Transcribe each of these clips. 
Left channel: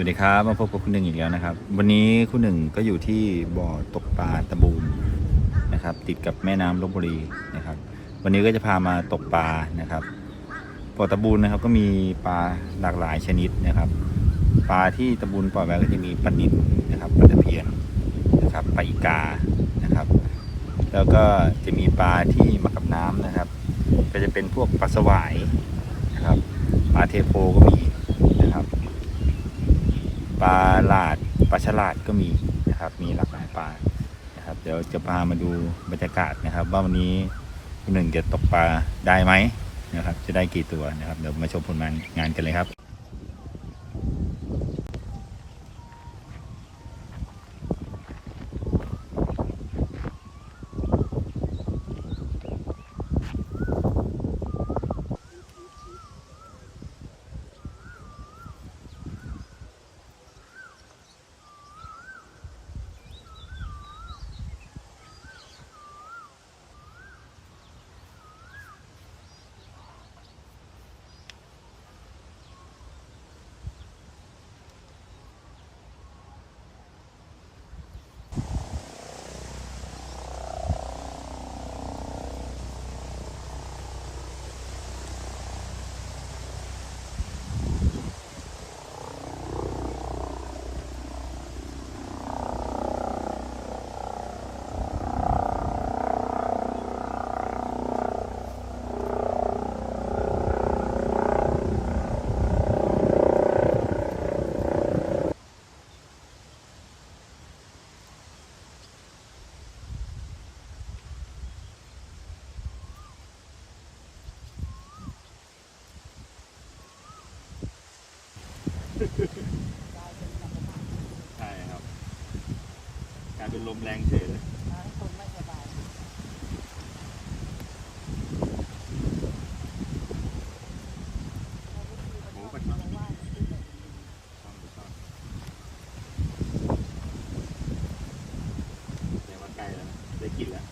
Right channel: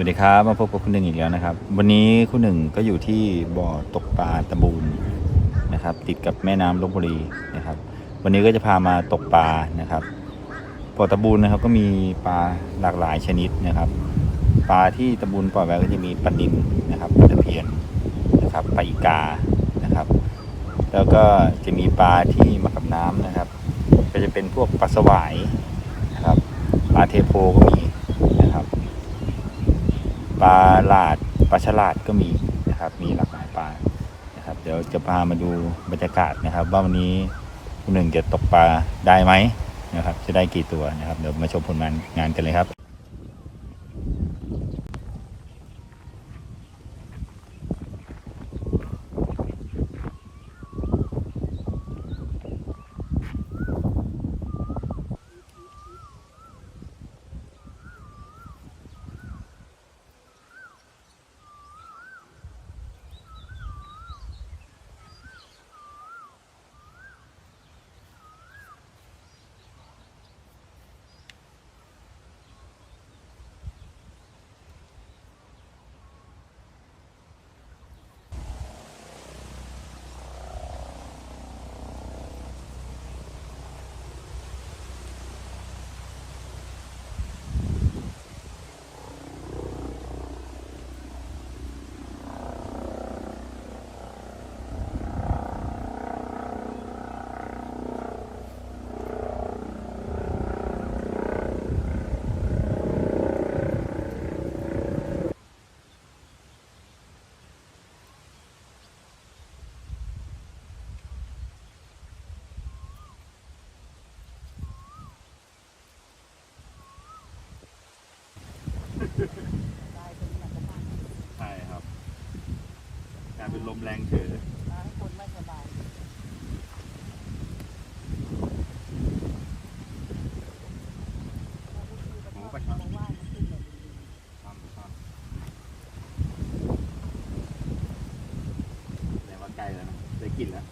วัสดีครับ มาพบกับคุณหนึ่งอีกแล้วนะครับ วันนี้คุณหนึ่งก็อยู่ที่บ่อตกปลาตะบูนนะครับ ติดกับแม่น้ำลบบุรีนะครับ วันนี้ก็จะพามาตกปลานะครับบ่อตะบูนนะครับก็มีปลาหลากหลายชนิดนะครับ ปลาที่ตะบูนปล่อยไว้ก็จะมีปลานิลนะครับปลาตะเพียนนะครับปลาอีกานะครับ แล้วก็จะมีปลาที่มากับน้ำนะครับ ก็จะเป็นพวกปลาสวายนะครับปลาเทโพก็มีนะครับ ปลาหลาดปลาฉลาดก็มีนะครับ มีหลากหลายปลานะครับ เดี๋ยวจะพามาดูบรรยากาศนะครับ ว่าวันนี้คุณหนึ่งจะตกปลาได้ไหมนะครับ จะได้กี่ตัวนะครับ เดี๋ยวมาชมผลงานงานกันเลยครับ ใช่ครับกลายเป็นลมแรงเฉยเลยโอ้ปลาช่อนช่อนปลาช่อนแต่ว่าใกล้แล้วนะ ได้กินแล้ว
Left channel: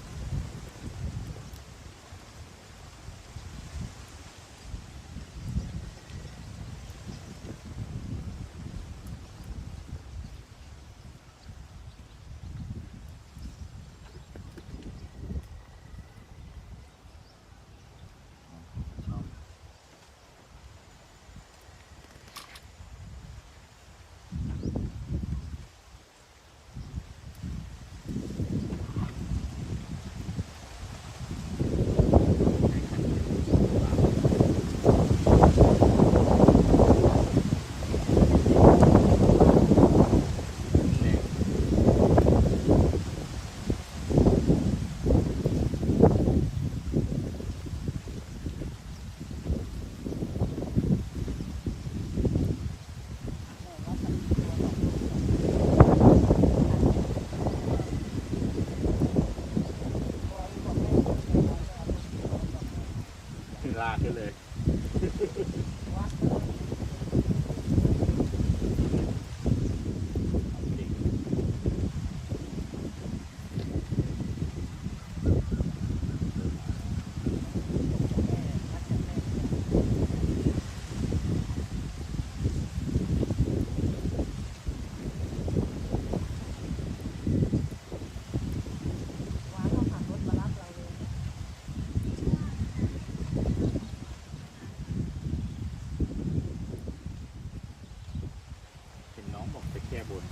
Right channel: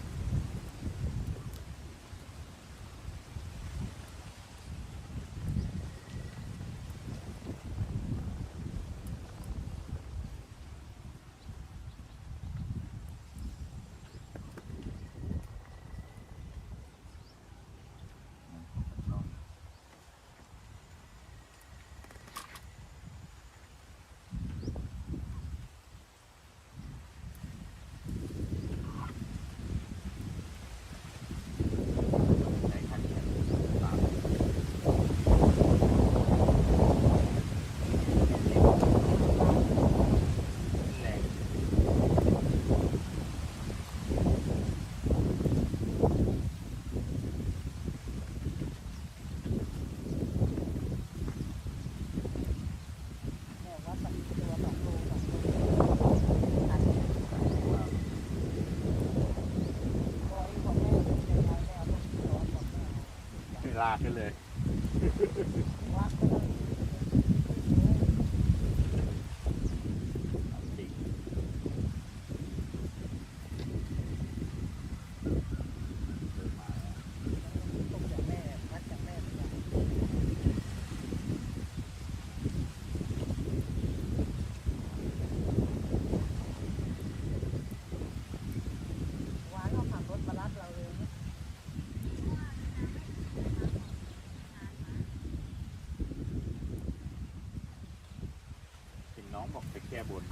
ชอบใช้คันนี้ปลาแรง ลากขึ้นเลยเอาจริงเริ่มมาแล้ว เห็นน้องบอกไป แก้บน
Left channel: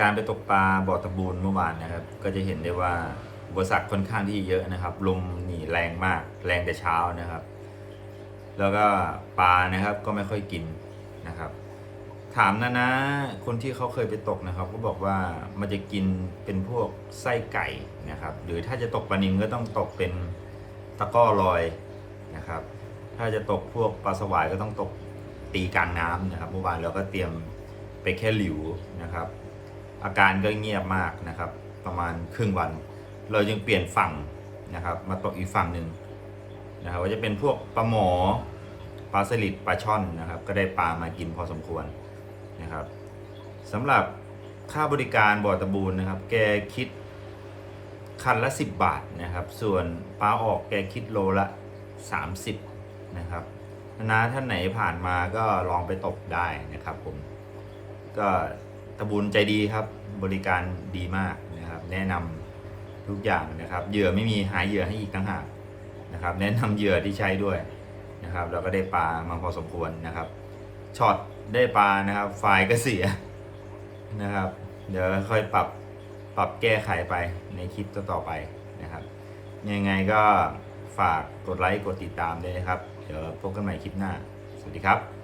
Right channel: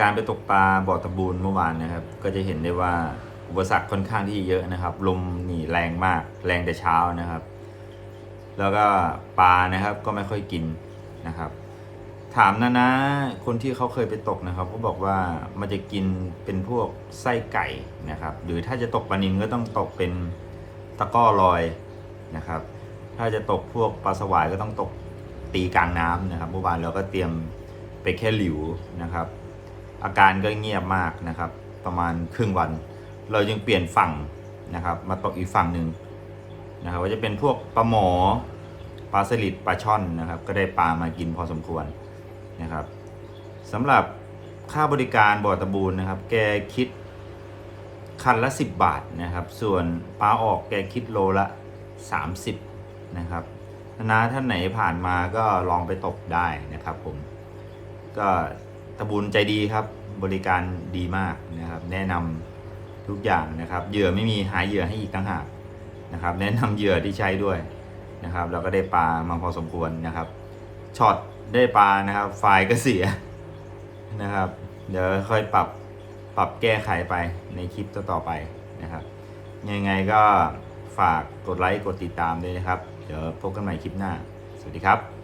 การไปตกปลาบ่อตะบูนเมื่อวานนะครับ ก็จะเห็นได้ว่าอุปสรรคค่อนข้างที่เยอะนะครับ ลมหนีแรงมากแรงแต่เช้านะครับ แล้วก็ปลานะครับก็ไม่ค่อยกินนะครับ ถามนะนะคนที่เขาเคยไปตกนะครับก็บอกว่ามันจะกินเป็นพวกไส้ไก่นะครับ หรือถ้าจะตกปลานิลก็ต้องตกเป็นตะก้อลอยนะครับ ถ้าจะตกพวกปลาสวายก็ต้องตกตีกลางน้ำนะครับเมื่อวานเราก็เตรียมไปแค่หลิวนะครับ อาการก็เงียบมากนะครับ ประมาณครึ่งวัน เรายังเปลี่ยนฝั่งนะครับ มาตกอีกฝั่งหนึ่งนะครับว่าจะเป็นพวกปลาหมอปลาสลิดปลาช่อนนะครับ ก็ได้ปลามากินพอสมควรนะครับสำหรับค่าบริการบ่อตะบูนนะครับ แกคิดคันละ 10 บาทนะครับ ส่วนปลาออกแกคิดโลละ 30 นะครับนะท่านไหนผ่านมาก็ลองไปตกได้นะครับผมก็ ตะบูนใจดีครับ บริการดีมากนะครับ แนะนำทุกอย่างนะครับเหยื่อไม่มีหาเหยื่อให้อีกต่างหากนะครับ แนะนำเหยื่อที่ใช้ด้วยนะครับ เราก็ได้ปลามาพอสมควรนะครับช็อตได้ปลานะครับ ไฟล์ก็เสียนะครับ เดี๋ยวค่อยปรับปรับแก้ไขไปในคลิปต่อๆไปนะครับ ยังไงก็ฝากกดไลค์กดติดตามด้วยนะครับ เดี๋ยวพบกันใหม่คลิปหน้า สวัสดีครับ